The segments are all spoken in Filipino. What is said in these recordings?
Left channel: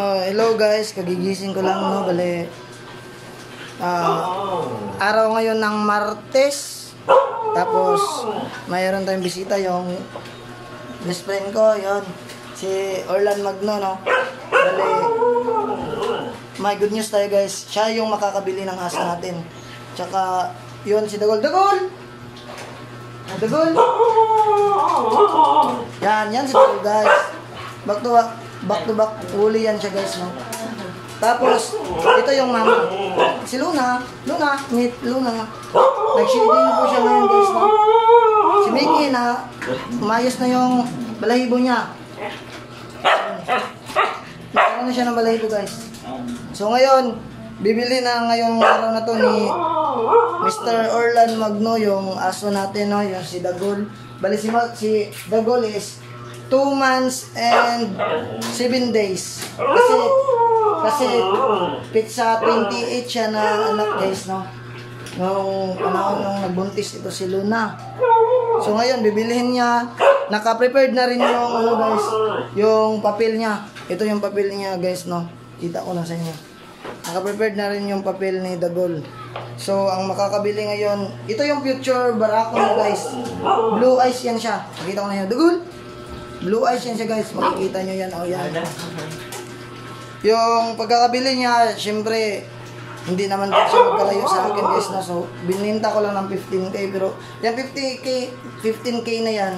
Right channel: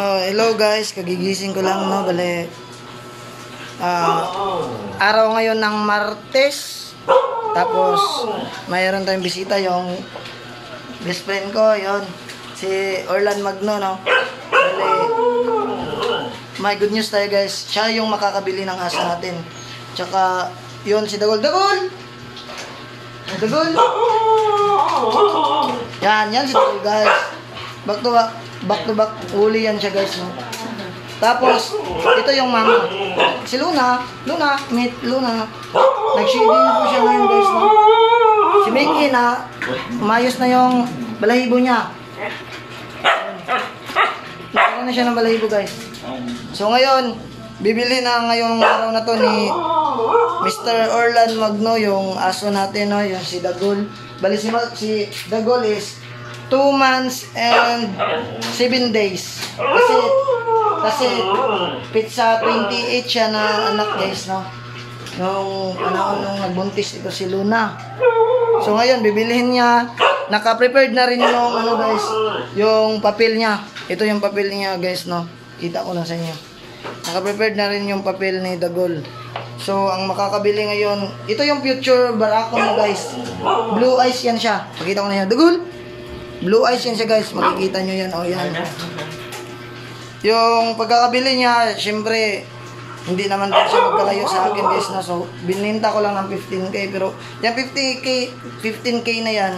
Hello guys, kagigising ko lang no, bale araw ngayon ng Martes. Tapos mayroon tayong bisita, yung best friend ko, yon si Orlan Magno no. Bale may good news tayo guys, siya yung makakabili ng aso natin. Tsaka yon si Dagol. Yan si Dagol guys. Back to back uli yan siya guys no. Tapos ito yung mama, si Luna. Nag-shading na po siya ngayon guys no. Si Mickey na umayos na yung balahibo niya. Nagkaroon na siya ng balahibo guys. So ngayon bibili na ngayong araw na to ni Mr. Orlan Magno yung aso natin no, yung si Dagol. Bali si Dagol is 2 months and 7 days. Kasi pizza 28 siya na anak guys no. Nung panahon nung nagbuntis ito si Luna. So ngayon bibilihin niya. Naka-prepared na rin yung ano guys, yung papel niya. Ito yung papel niya guys no. Kita ko lang sa inyo. Naka-prepared na rin yung papel ni Dagol. So ang makakabili ngayon, ito yung future barako mo guys. Blue eyes yan siya. Nakita ko na yan. Dagol. Blue eyes yan siya guys, makikita nyo yan, yan. Yung pagkakabili niya, syempre hindi naman po siya magkalayo sa akin guys na. So bininta ko lang ng 15k, pero yung 15k na yan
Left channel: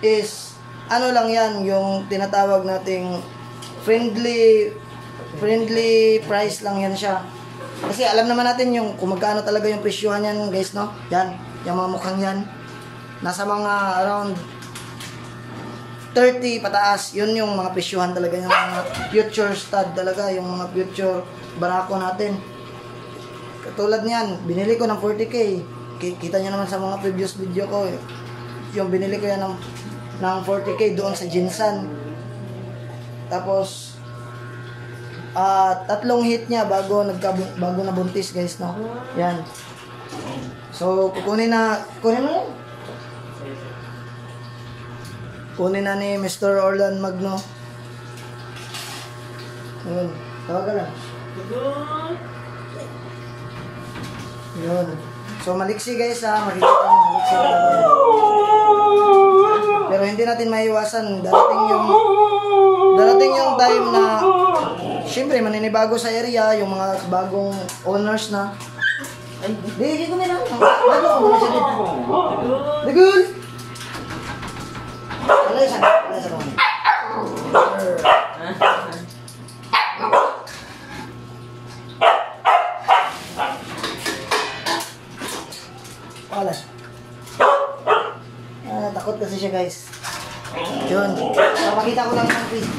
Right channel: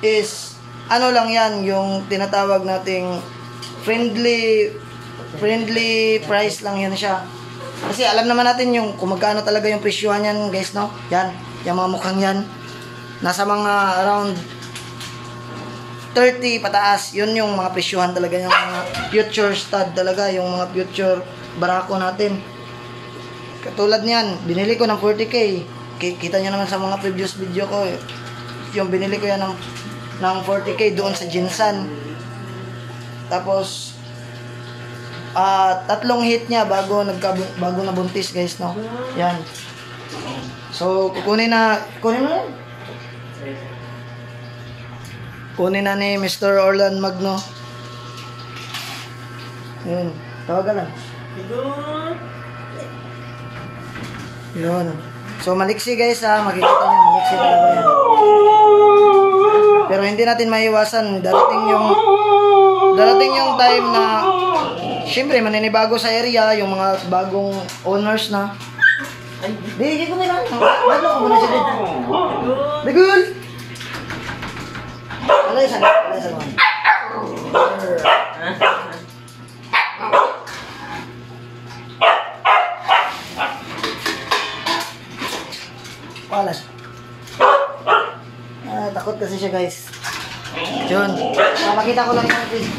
is ano lang yan, yung tinatawag nating friendly price lang yan siya. Kasi alam naman natin yung kung magkano talaga yung presyohan yan guys no. Yan, yung mga mukhang yan nasa mga around 30 pataas, yun yung mga presyohan talaga, yung mga future stud talaga, yung mga future barako natin. Katulad niyan, binili ko ng 40k. Kita nyo naman sa mga previous video ko, yung binili ko yan ng 40k doon sa Jinsan. Tapos 3 hit niya bago nabuntis guys no. Yan. So kukunin na ni Mr. Orlan Magno. Yun. Tawagan lang. Yun. So maliksi guys ha. Makikita nyo. Maliksi talaga yan. Pero hindi natin maiwasan. Darating yung time na syempre maninibago sa area. Yung mga bagong owners na. Di ko nila. Bago ko muna siya dito. Dagol! Alay sa naman. Palas. Takot kasi siya guys. Yun. Makita ko lang yung piece.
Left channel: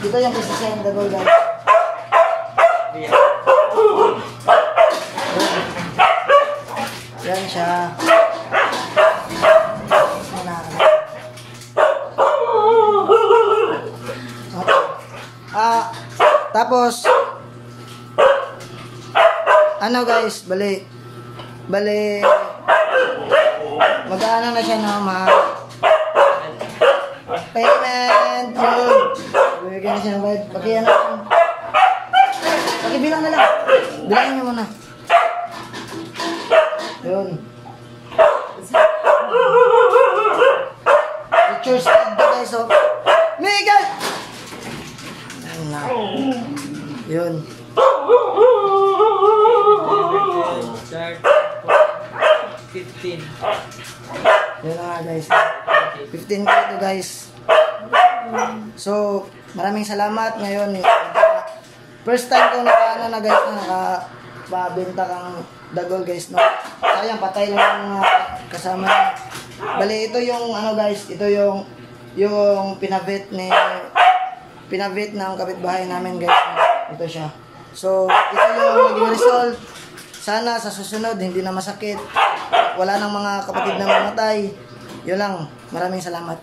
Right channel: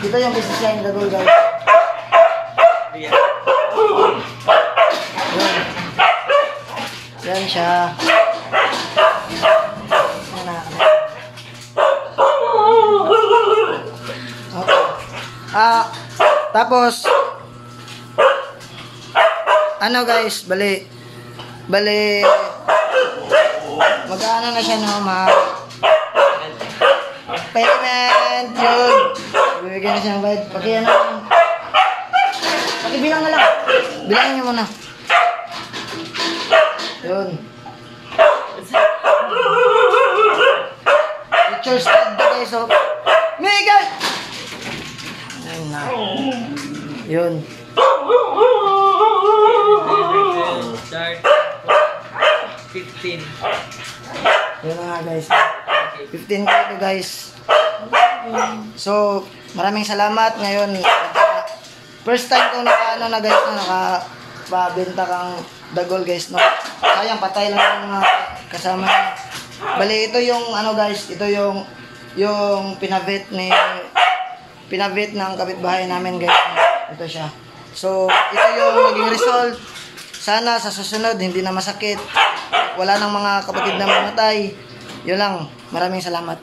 Dito yung piece siya yung Dagol guys. Yan siya. Tapos ano guys, bali mag-aano na siya no, payment yun, bibigyan na siya ng bayad. Pakibilang na lang, bilangin niyo muna yun. Picture stud guys so Miguel na. Yun. Start 15. Yun na nga guys. 15k to guys. So, maraming salamat ngayon. First time ko na guys na nakabenta kang Dagol guys no. Sayang patay lang yung kasama niya. Bali ito yung ano guys, ito yung pinavet ng kapitbahay namin guys. Ito siya. So, ito yung naging result. Sana sa susunod hindi na masakit. Wala nang mga kapatid na mamatay. Yun lang. Maraming salamat.